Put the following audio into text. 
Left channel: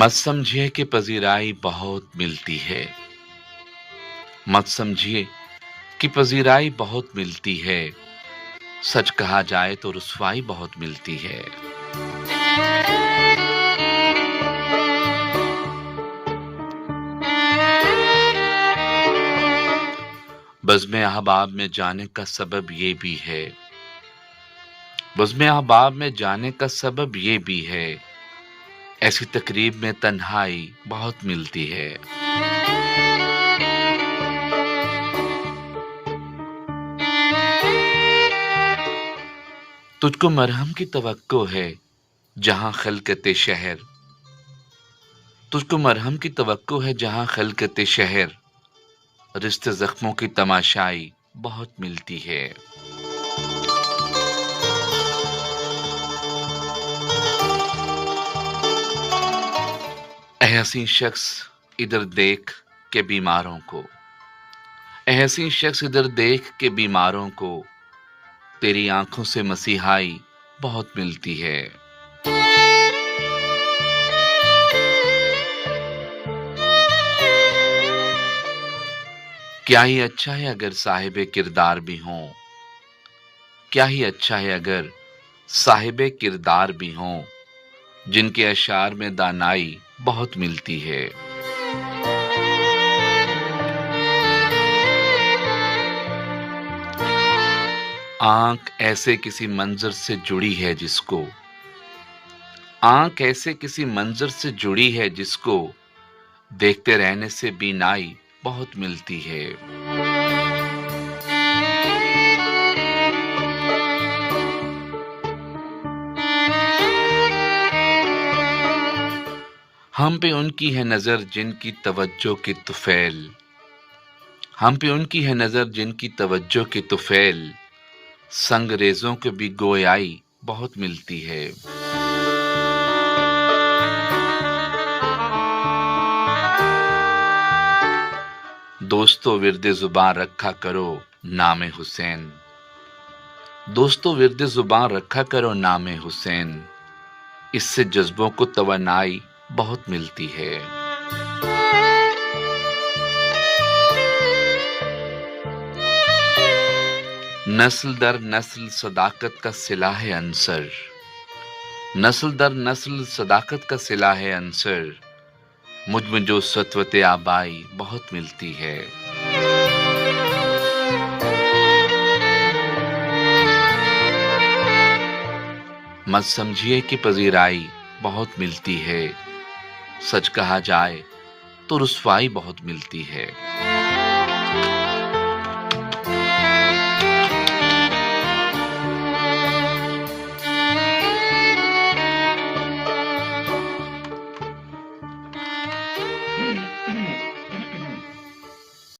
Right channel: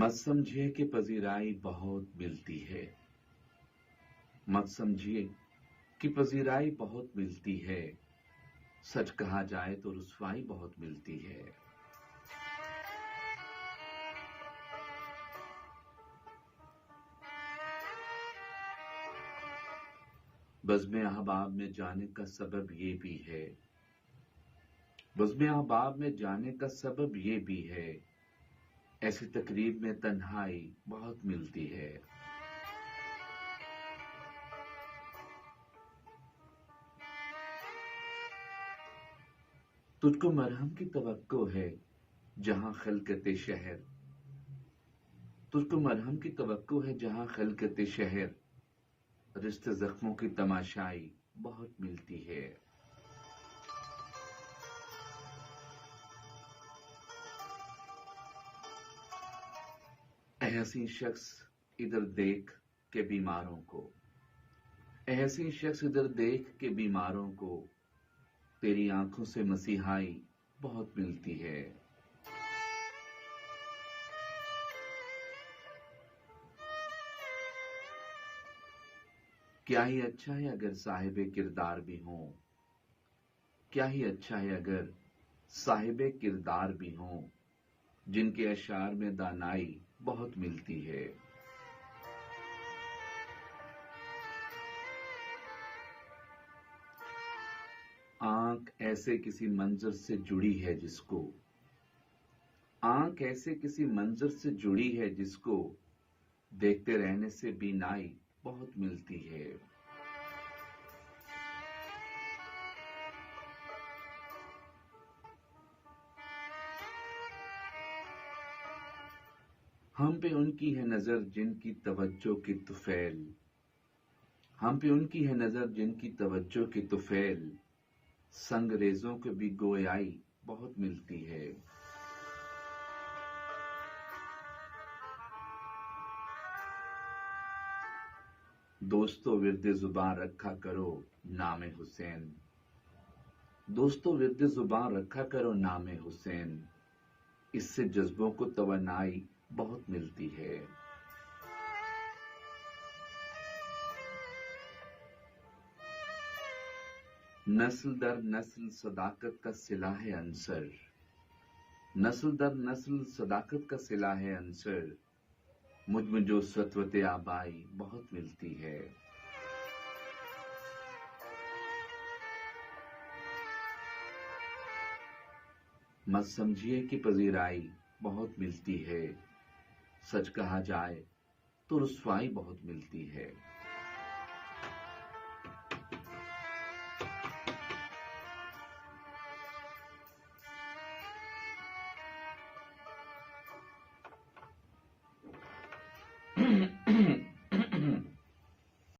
मत समझिए कि पजीराई बहुत मिलती है। मत समझिए कि पजीराई बहुत मिलती है। सच कहा जाए तो रुसवाई बहुत मिलती है। बज़्म अहबाब में जाने का सबब ये भी है। बज़्म अहबाब में जाने का सबब ये भी है। ऐसी तकरीब में तन्हाई बहुत मिलती है। तुझको मरहम की तवक्को है जहां खलकते शहर। तुझको मरहम की तवक्को है जहां खलकते शहर। रिश्ते जख्मों की तमाशाई बहुत मिलती है। ऐ हसीन शख्स इधर देख के बीमारों को। ऐ हसीन शख्स इधर देख के बीमारों को। तेरी आंखों से मसीहाई बहुत मिलती है। क्या ही अच्छा है अगर साहिबे किरदार भी हों। क्या ही अच्छा है अगर साहिबे किरदार भी हों। जिनके अशार में दानाई बहुत मिलती है। आंख ऐसे किसी मंजर से जुड़ी है जिसको। आंख ऐसे किसी मंजर से जुड़ी है जिसको देखते रहने से बीनाई बहुत मिलती है। हम पे उनकी है नजर जिनकी तवज्जो की तुफैल। हम पे उनकी है नजर जिनकी तवज्जो की तुफैल। संगरेजों को भी गोयाई बहुत मिलती है। दोस्तों विर्द जुबान रखा करो नामे हुसैन। दोस्तों विर्द जुबान रखा करो नामे हुसैन। इससे जज्बों को तवनाई बहुत मिलती है। नस्ल दर नस्ल सदाकत का सिला है अंसर। नस्ल दर नस्ल सदाकत का सिला है अंसर। मुझ में जो सत्वत आबाई बहुत मिलती है। मत समझिए कि पजीराई बहुत मिलती है। सच कहा जाए तो रुसवाई बहुत मिलती है।